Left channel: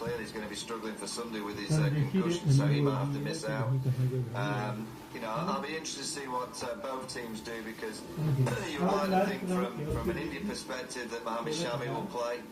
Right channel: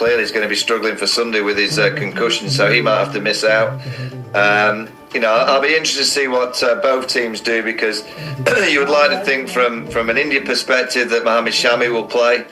clearly is going to be struggling for Sunday with his concussion, so he might have to miss out. I'll be interested to see what both teams do, because you would like to think from an India perspective that Mohammad Shami will play.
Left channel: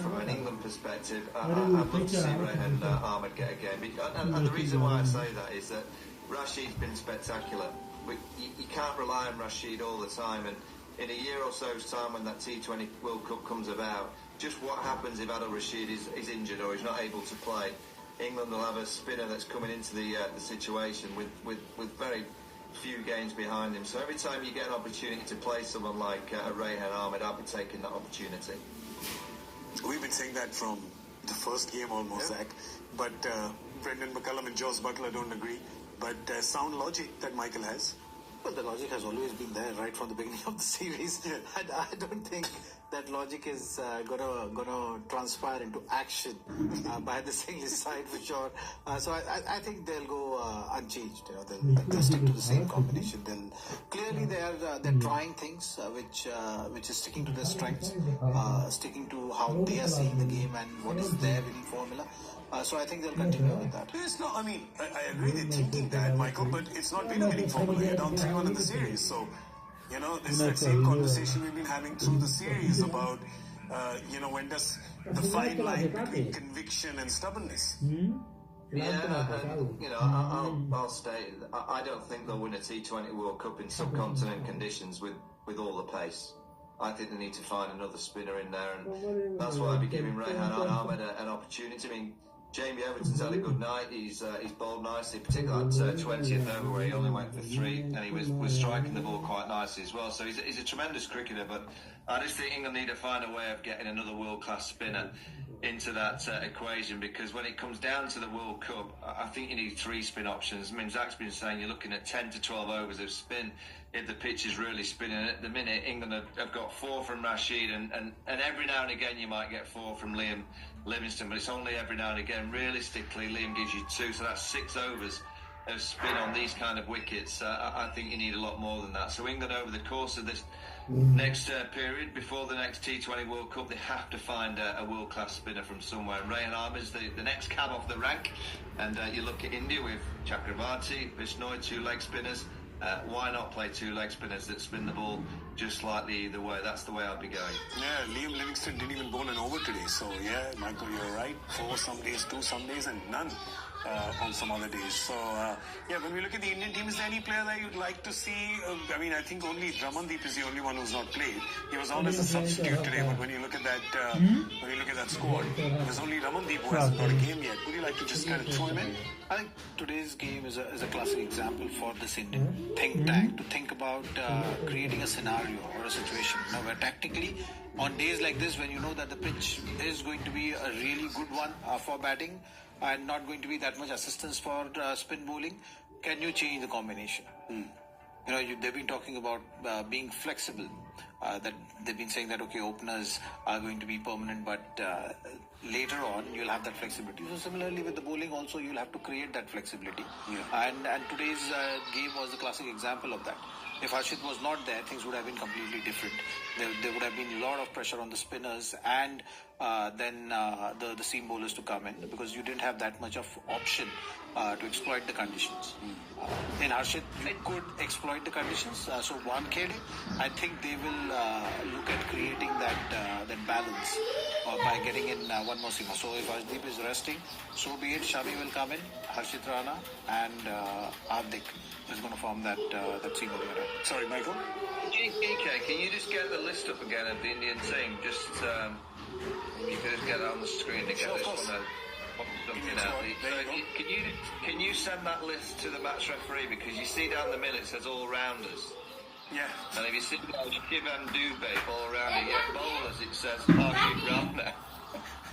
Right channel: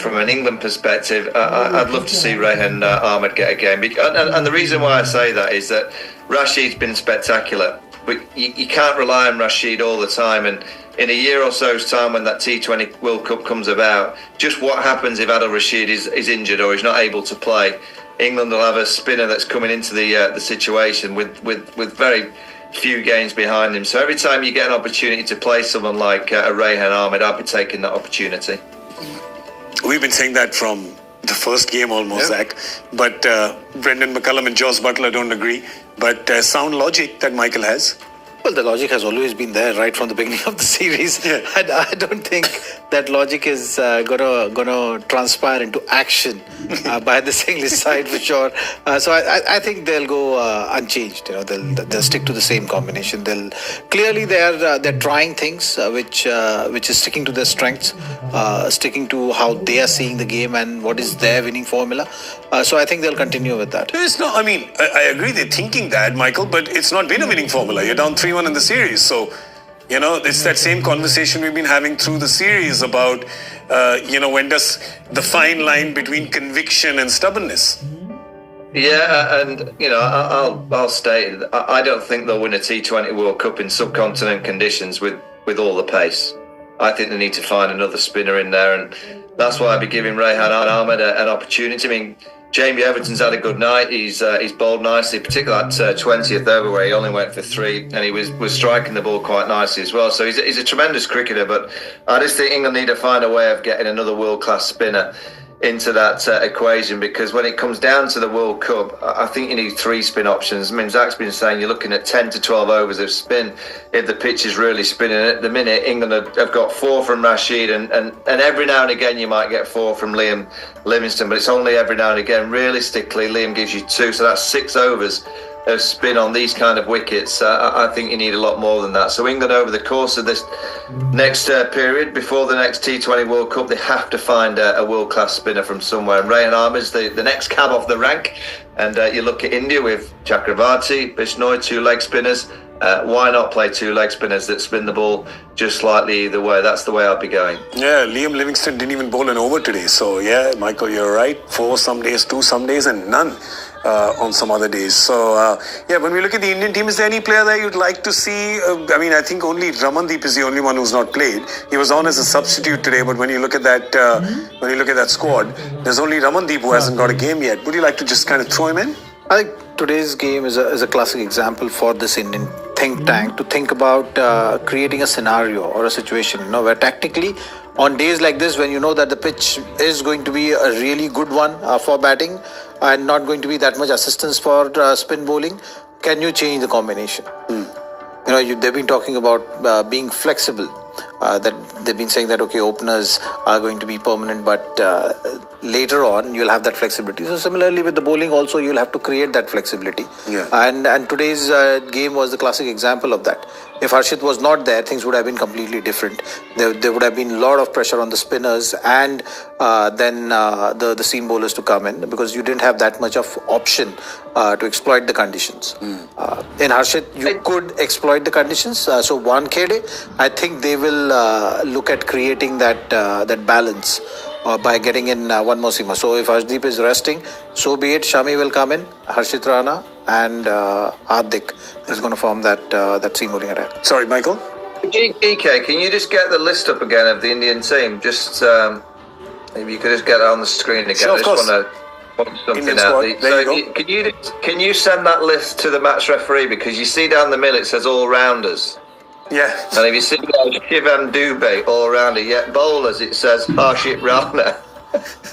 From an England perspective, I'd love to see Rehan Ahmed get a game. And the reason why I say that is that Rashid's been spectacular, but you can't rely on Rashid all the time. And in a year or so's time, when that T20 World Cup comes about, just what happens if Adil Rashid is injured or is not able to play? England will have a spinner that's coming into the situation with very few games behind him. So every time you get an opportunity to play someone like a Rehan Ahmed, I'd be taking that opportunity. We've been saying that from the first game almost, Zach. But Brendan McCullum and Joss Butler don't agree. But sound logic that Michael has. Well, the logic has always been there right from the beginning of the series. Yeah. And I don't think that logic is gonna transpire into action by the English side for sure. So I think they'll go unchanged. They'll stick to the same combination. They're trying things which is sticking to their strengths, sticking to how they are seeing the game and what is their winning formula. So I think they'll continue with that. It's not. I mean, I agree they're thinking that, Michael, but it's not been a winning formula. You're down 3-1 in the series. So, it's that same conversation we've been having through the series about, when does the fine line between conviction and stubbornness? Yeah, and I'll state I don't think they'll win a T20 World Cup in subcontinent conditions with all the pace. I think they need to find another spinner in there, and that's why I'd be giving Rehan Ahmed an opportunity. I mean, Jamie Everton's had a good night. He's bowled nicely, particularly that 20th over where he only went for 3, and he was striking the ball quite nicely as well. So he's a tremendous cricketer, but I just think England need to find a way of getting another world-class spinner into that equation, because when it comes down to the World Cup, I think you need 3 spin options. I mean, Zach's been saying you're looking at 10 to 12 overs of spin if the pitch is really spinning. At the minute, England have got 4 from Rashid, and every now and again you might get 4 from Liam Livingstone, but it's only every now and again. Realistically, Liam gives you 2, so that's 6 overs of spin on these kind of wickets. I think you need a lot more than that. So England, over the course of this next period, before the next T20 World Cup, they have to find a world-class spinner from somewhere. And Rehan Ahmed's the next cab off the rank. And you look at India with Chakravarti, Bishnoi, 2 leg spinners. Why not play 2 leg spinners that spin the ball just slightly either way? That's the way I'd be going. Yeah, Liam Livingstone didn't even bowl an over today. So, yeah, Michael, you're right. 4 some days, 2 some days, and none on some other days. So, when we look at the Indian team, is there any player there you'd like to see? I think only Ramandeep is the only one who's not played. He was on as a substitute today, but when you look at that squad, there's only Ramandeep who hasn't got a game yet. Would you like to just kind of throw him in? I think today's game is a classic example for this Indian think tank to think about creating a scenario or a situation, where tactically, on days like this, when you know that the pitch is going to be a really good one for batting and not going to be that much assistance for spin bowling, can you change the combination? They've been talking about being flexible. That they've been saying that openers are going to be permanent, but later on you'll have that flexibility. So similarly with the bowling also, you'll have to create that flexibility. Yeah. And today's game was the classic example of that. If Harshit was not there, things would have been completely different. There would have been a lot of pressure on the spinners and then the seam bowlers to come in, because you didn't have that much of option to exploit the conditions. In Harshit, you could exploit the conditions. So Wankhede, I think they will look at creating that balance by getting in one more seamer. So if Harshdeep is resting, so be it. Shami will come in, Harshit Rana and Hardik is going to form that seam bowling attack. Sorry, Michael? EK, can you just get the list up again of the Indian team? Just maybe you could just get it on the screen again. Sure, of course. I just want to point something out. Can you send that list to the match referee, because you see down the middle it says all rounders. Yeah. And if you see Shivam Dubey all rounder, yet bowlers it says Harshit Rana.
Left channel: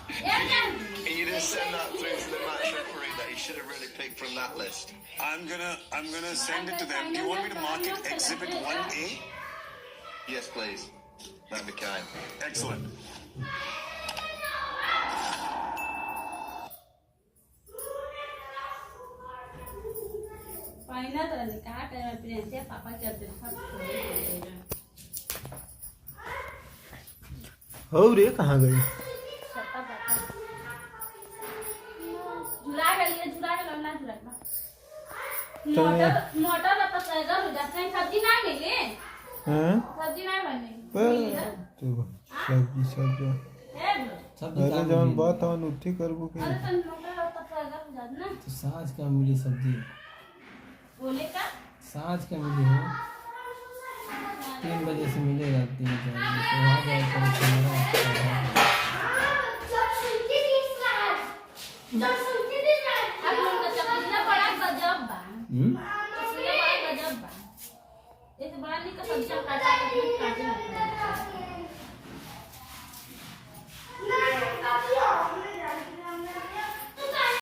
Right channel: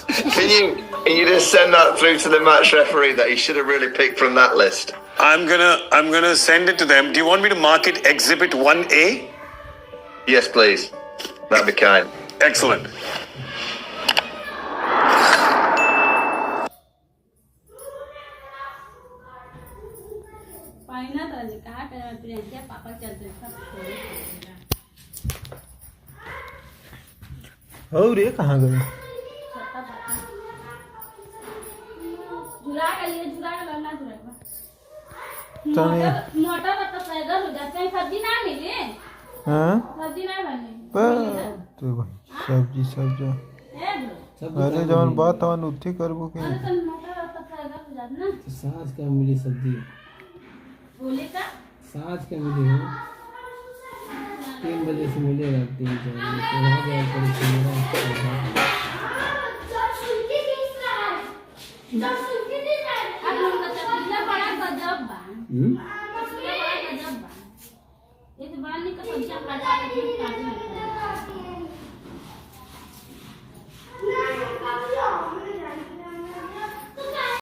Can you just send that through to the match referee that he should have really picked from that list? I'm gonna send it to them. Do you want me to mark it Exhibit 1A? Yes, please. That'd be kind. Excellent. हो रे कहाँ गए झुला के लिए झुला के लगना झुला चलिए मोटर का तो पैदल हो जाते हैं सब्जी ना मिली हाँ सब्जी ना बने तो सब्जी सब्जी अरे जवन बात हवन उठी करबो के तो मोटर का तो पैदल हो जाते ना तो साँझ का मिली सब्जी बोले का साँझ का मिली है 3 बजे से मिलेगा 3 बजे तो वहाँ जाकर अब हम का चपला बड़ा गजब बा चपला बड़ा गजब बा एक बड़ा नहीं का सब्जी काटे